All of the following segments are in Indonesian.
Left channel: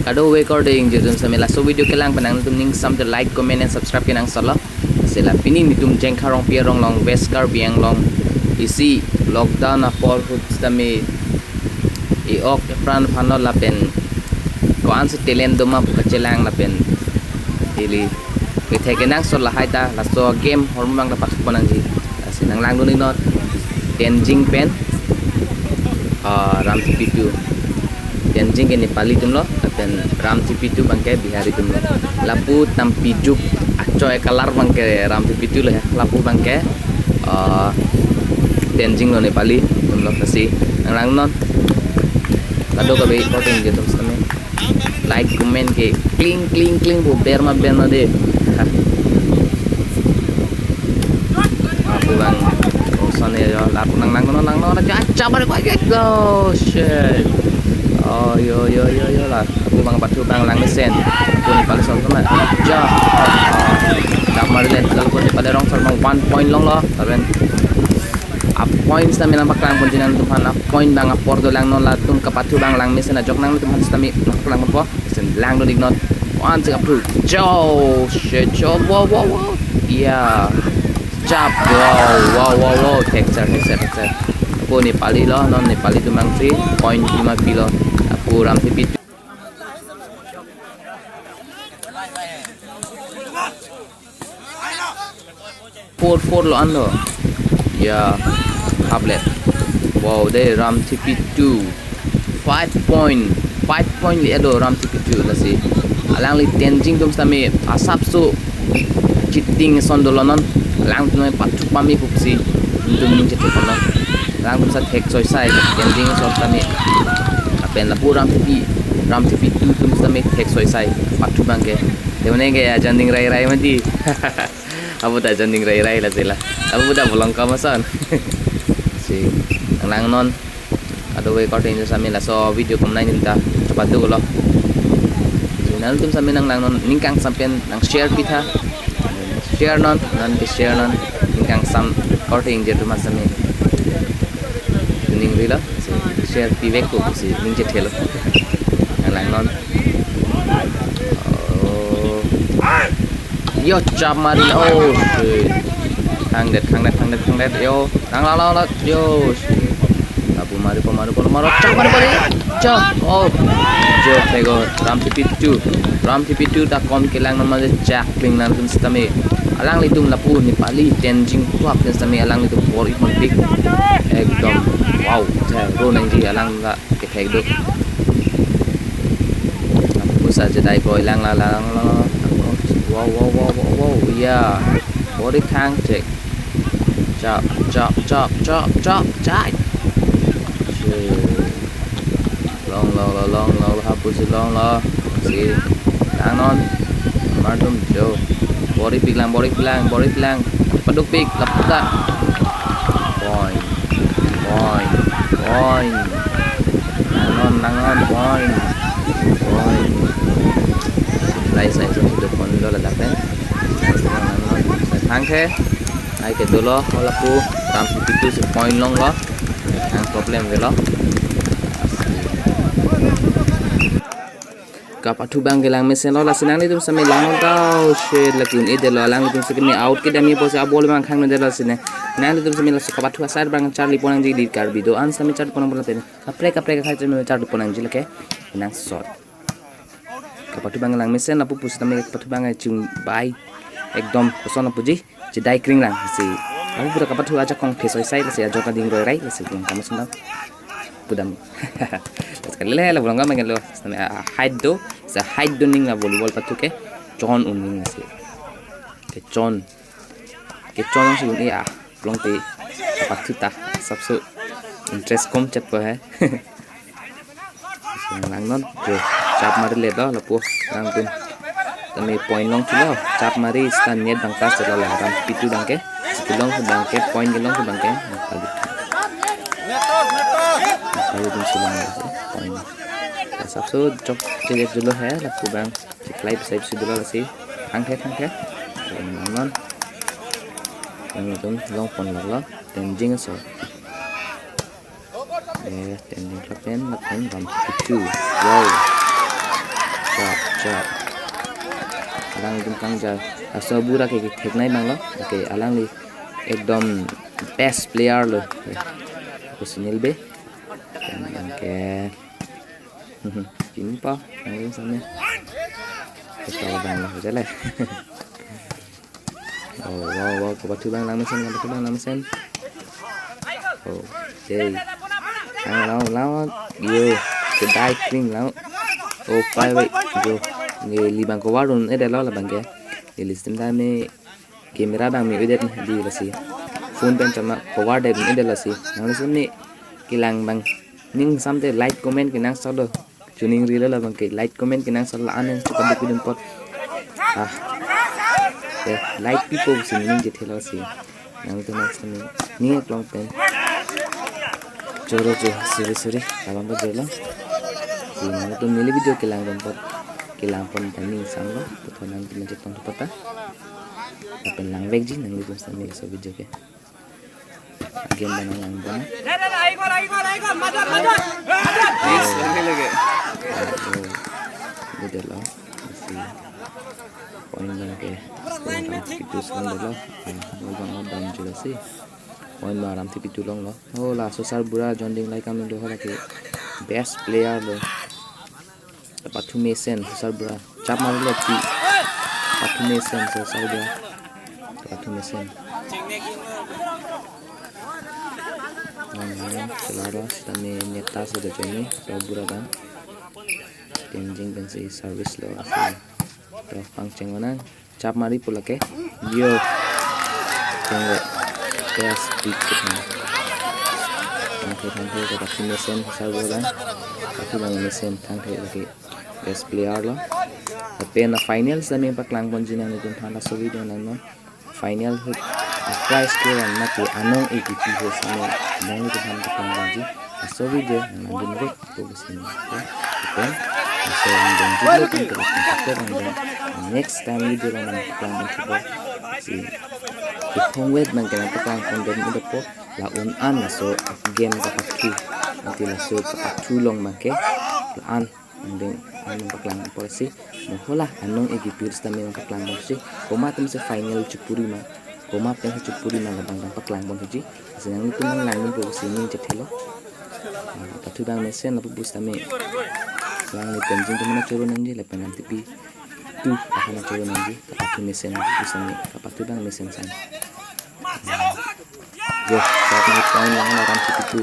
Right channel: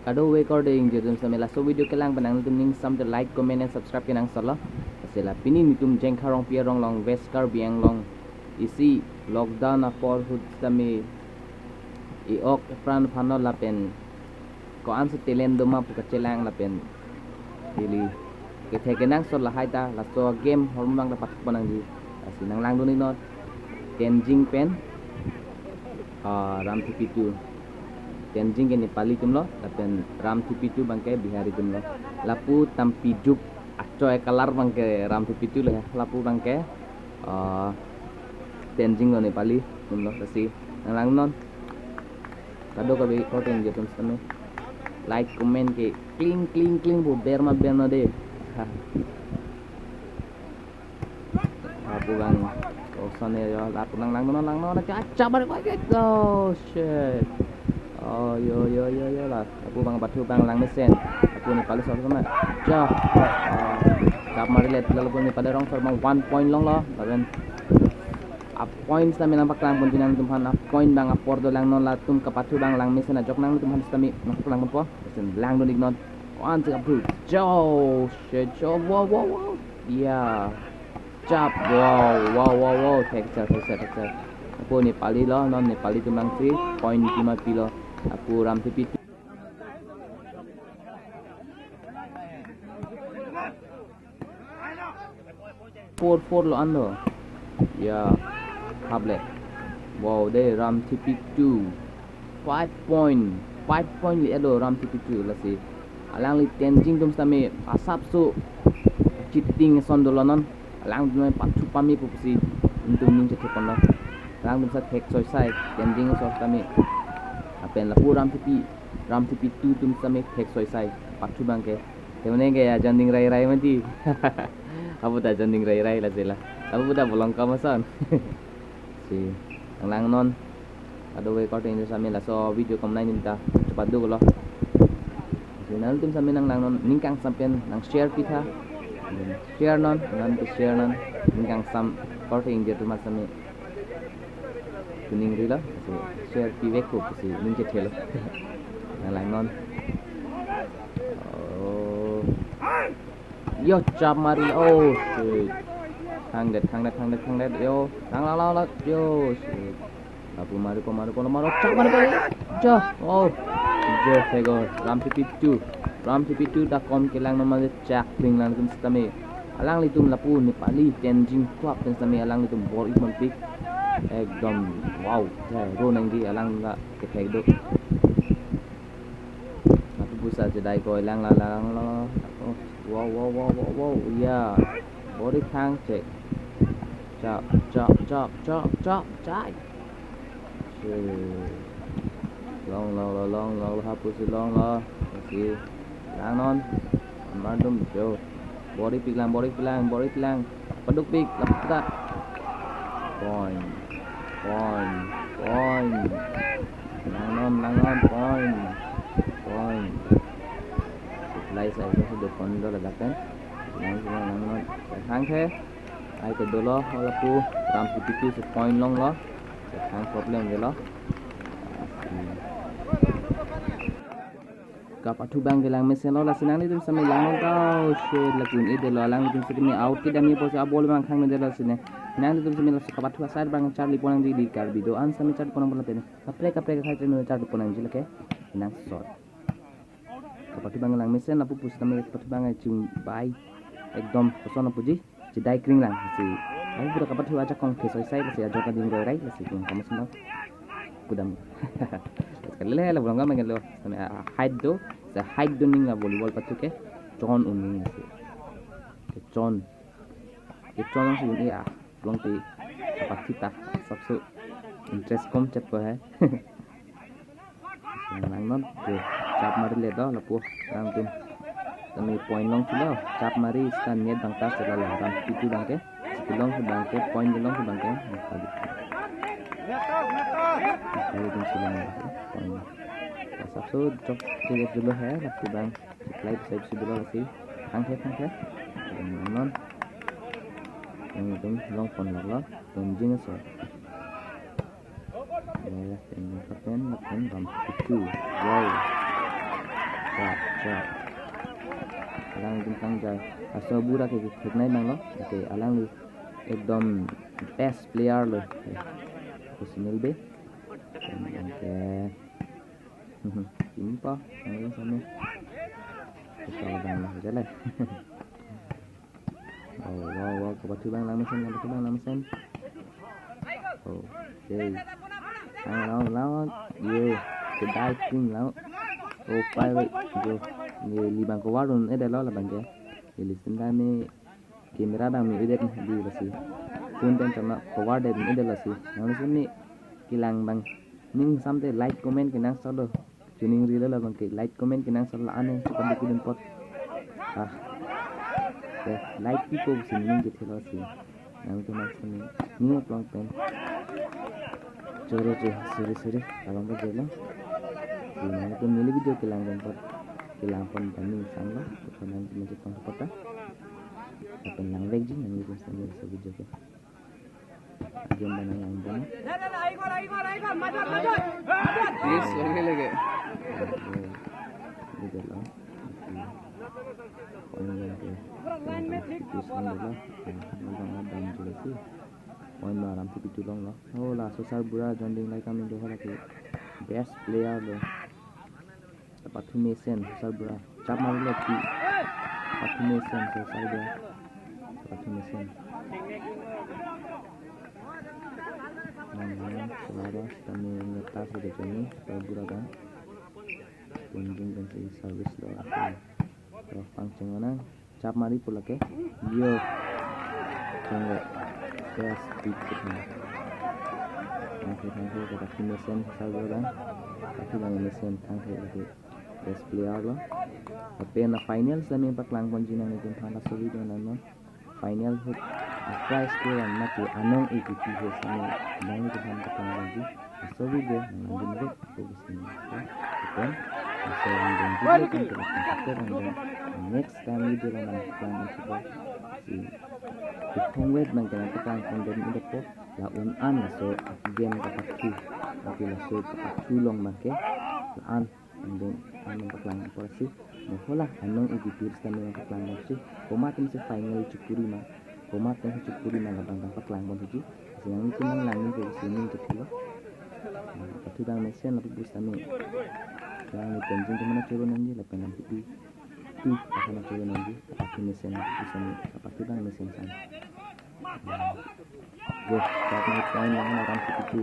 Kado recording je tum samela so video kelang panang tum ning sam the like comment and subscribe kenang sala sela pini ni tum jeng kharong pia rong long west kar biang long isi lockdown apol hut stame e ok pran phano la pen ko an se telen doma ka chelang la pen ili ke thekenang so la haita la so game hormang la pak panang ji sinang lang doni not tenjing pen ram tipitu tenjing ke Nepali tum lo pen ram tipitu bangke bihari tum lo lapu tampi juk acoy kalar bangke ram tipitu lo ya lapu bangke tenjing lo Nepali tum lo kasi lang non kado ka be recording je tum same like comment ke kling kling kling bu ber ma de aku bang sana yo lapu nang no aja bare ko go shit oh yo lah aku bang batu bang lang mesen aku ni paling sama ja tak mari le kalau ko ni pada rong sama 1 point long lo tapi a points na minang paklang pun dinan tumhan a point bang a pordo lang non la tum kapatu bang lang mesen a jok nang tumhan stami naklang po sen lang don ignot one to approve jo shit jo wow yeah jab wow texture aku Nepali lo non Nepali tu mang 3 point 5 kilo aku ram tipi 4 lo ando ya tablet wow de ram tipi 2 5 point li ado ram tipi 2 la si alang li tenjing tum sami asap so chiting sondolo non lang tu patu pami pupsi untuk ning cete kono lang tum sa tek choi sai tenjing so sami apen la puram tipi tu tum sami tek choi sai patu bangke demne ge janding rai mati abu ta janding rai la sila abu ta bolong ka masan si lang non ado we recording sami la so video komnai ninta cepat dulu lo nang tum sami nang non ningkang sampean nang share pitha share non ningkang sam recording je tumas sami ning rila share pivek ko si ning je thelo lang non yo chap mari oh shit hang det yo lang la yo abu mari chap mari jo oh jo tego ram tipitu ta kom kelang nama jak kling nan tum stame alang litum lapu Nepali tenjing tuak ten stame alang litum por ikon pik ekdom wow ja ro nang ji alang ga ke thek do aku saja dai ko lang wow yeah body khang check chop chai long hapus long lo si lang non mardum jo body pilang paduk pik lapta point lang non point lai sai so được con đó là đặt đấy thang thế ai cái đồ lo là pu tam pitu se point long lo ang problem về lo kapatu bang gelang mesen lo la senang ni tum samai lang tau shit la kun ide lo lang tum sekini out ke dami pose abol bang khang ne la sine nang tum samai la kapatu asar bang charli ponang ji di kar video an samai char ponang ponang tene kapre ka khai tum char ponang ji lake nang shot kapatu bang lang mesen la pu pus tamai kapatu bang chung bai ekdom koson puji jidai kring lang si aku pura kapatu aja kong phesoi sai la se ajoka ding roi rai la se kong kamu sendau pudam sekali le la bulanga mangen lo height do sa height do ning la volleyball patu ke chon uning se ke chon se uni a long te patu ta sabso interest kom chat pa hai lang non jo chap mari le do la pu lang tum tami point long chulo chap mari stan net bang tas la la ram pitu bangke long bangke point long bangke ayo tum silang point sabso jok je dulu hai la pu bang klai sai su dulu la si hang the non yang tum long pon la tenjing so tenjing kapen ram pitu wow chap alang tum kang ja so bura ke theknai banglo ke alang li ekdom best player lo ko sunil be ke chính po ang sao nhé cái bang là rất là wow có batu bang lang mesin okay lao yo kedai kring lao pai vậy yo người li bang ko warun ada lo la bang ke di listem da me camera bang me udet di la si phone pen chama ko war de ni de la si nang sim ni kilang bang ning samte like comment ke nang solo tuning rila la bang ke like comment ke nang solo anen chukan de pidum pot like people sing ning je thela si nang to nang sim ni long pen choro sorry abang ba jelo si nang to mili video ke lang pot ke lang pon ning sam lo to nang to je tong pata apen lang vek ji nang to sam ni so video ke game bana lang bana yes lagi video lo si point na ke itu sang lo bang dam jula si point ma ram ti pitu long lo la so sar bura jonding lai kam do hala ke best player lo patu mesen sar bura chap mar lo ti patu mesen so sar bura patu mesen selara kami nyata sudah join so bura kan tenjing dan si service lo so pangceng mana cap mari pula ke yo tunggu gas dikit nih tangke ke pasti mesin server kan tapi bang mesin tangke lagi gas player lo tapi na finals dan yang paklang ponjina ni jom thanda so video nan final hut prize ke ran mati anong ATP ho sami dang ni tham paklang ponji so video nan dun vek to sini okay so dan juga kan kita next time video nan paklang ponji si itong wet man kana paklang ponji ni po la an la so game ka pakki nanti la so paktu long make la an dan an paklang polisi mohola anong ATP stami ng paklang ponji koma tum sa final chupuri ma koma pen chupuri na labang paklang ponji sinang itu nang langin po sini jethelo patu bang mesen la pupus tami lang ni tenjing tu mana coro nanji la penam tipi tu akan coro nanji patu mesen pupus tami patu bang mesen san go saat ni point lang na ram tipi tu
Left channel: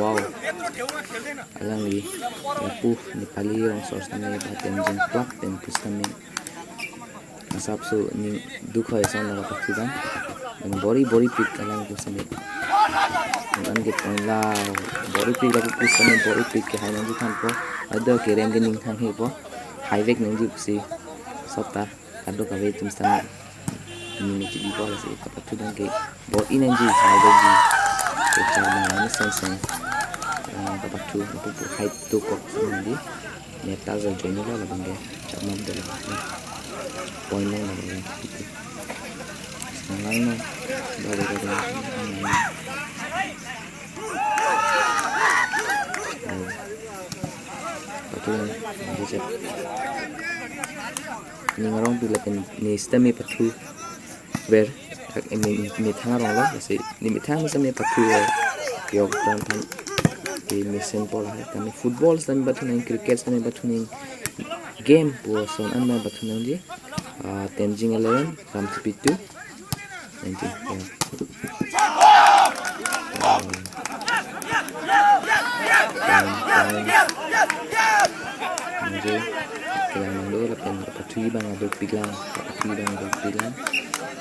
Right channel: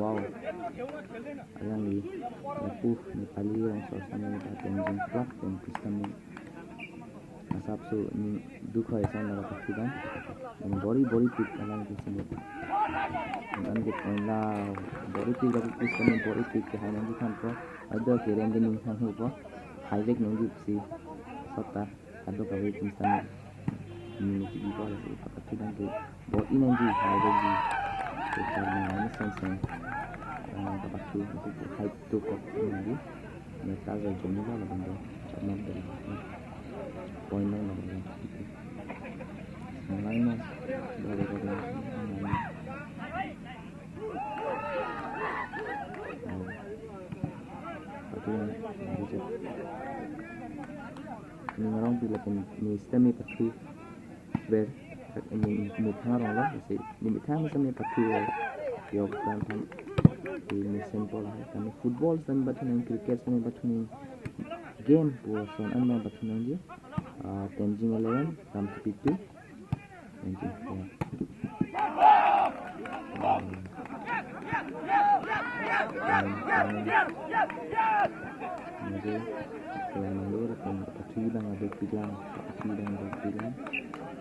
wow alang ni lapu ni pali orang source tami tenjing plak dan pupus tami asap so ni dukha esan la patu bang dan bori pik alang tu tami an get point la bori pik la pupus tami bori pik ke hai nanji kan po ada kereng gening thang he po highway nang ji si sota ado ka ve tum stami ni ji po la si patu dang ke bo inang ji highway ji ke char na sen ka patu pu height to ko nang ji ne ta za join la bang ge char mam de la point nang la bang nang nang ba ni ngarong pila pen ni stami patu ber mi thang rong lo si ni mi thang stami patu yok tan di mesin pol hai tan football stami batu ning cricket stami batu ning game po son an ma batu ning ji tenjing 11 ram tipitu 19 kailangan ng lola pen patui bang adok biglang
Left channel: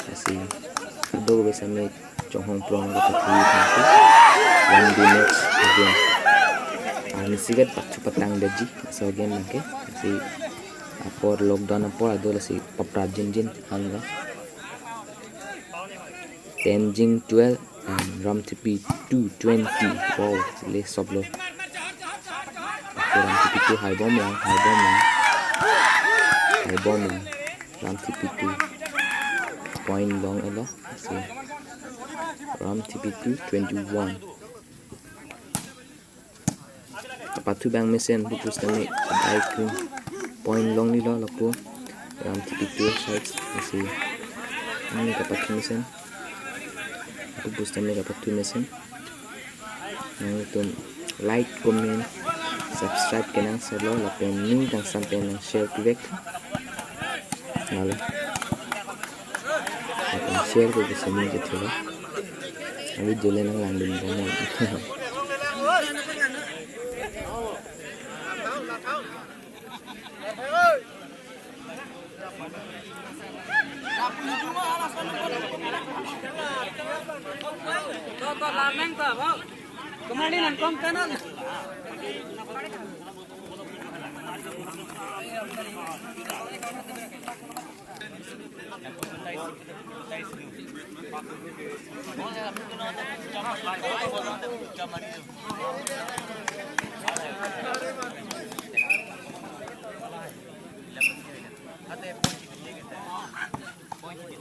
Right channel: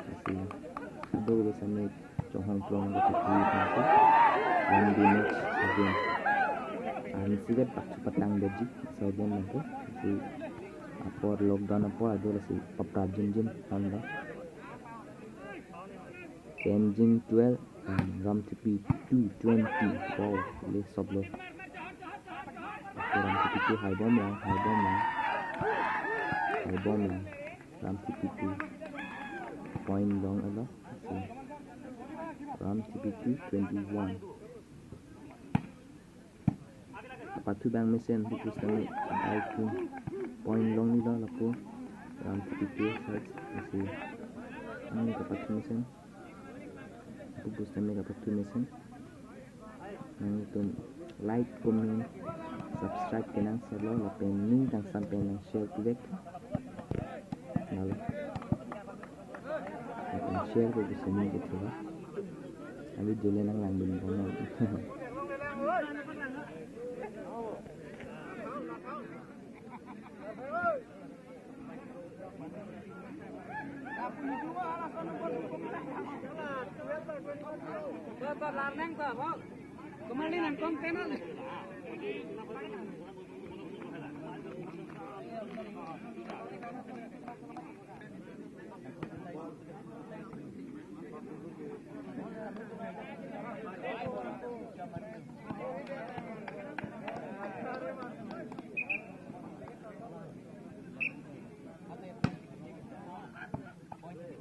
kasi ado ko sa may chonghong prong ko patui kasi one day next again ani sigat patang daji so again nake kasi apor lockdown apor ado si papra jin hanga tenjing 12 and ram tipi 220 wow le soblo ram tipi 2 high bomb lang ram tipi 2 point long elo si ram tipi 221 patu bang mesen pupus tami point long ni lo laku ram tipitu sides masih ini dapat mesin aku booster ni dapat mesin yang itu like comment subscribe kenang selo lapen ning tang sampai nang share klik lalu lapen share ko bisa ning gitu lah abi jole nang landin bomo Kemana kom kanan?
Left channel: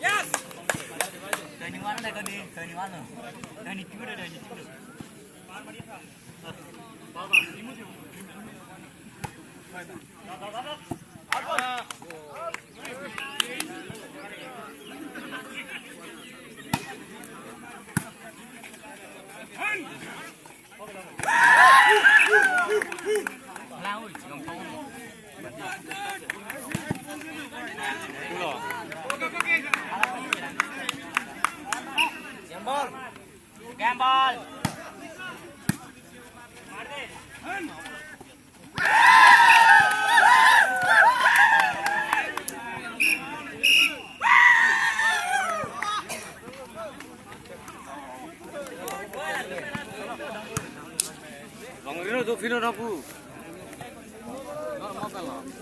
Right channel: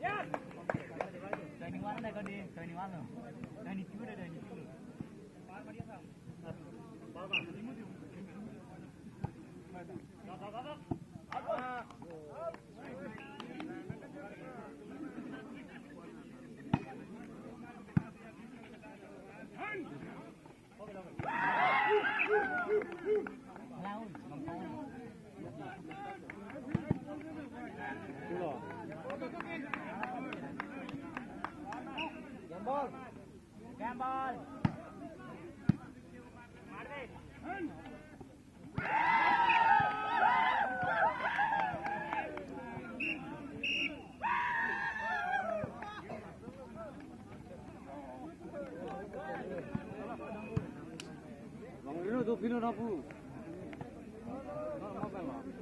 Yes. Dari mana dah kau di? Dari mana? Dari tiga, dari tiga. Gamble. Bang Rino tu final aku. Makan lah.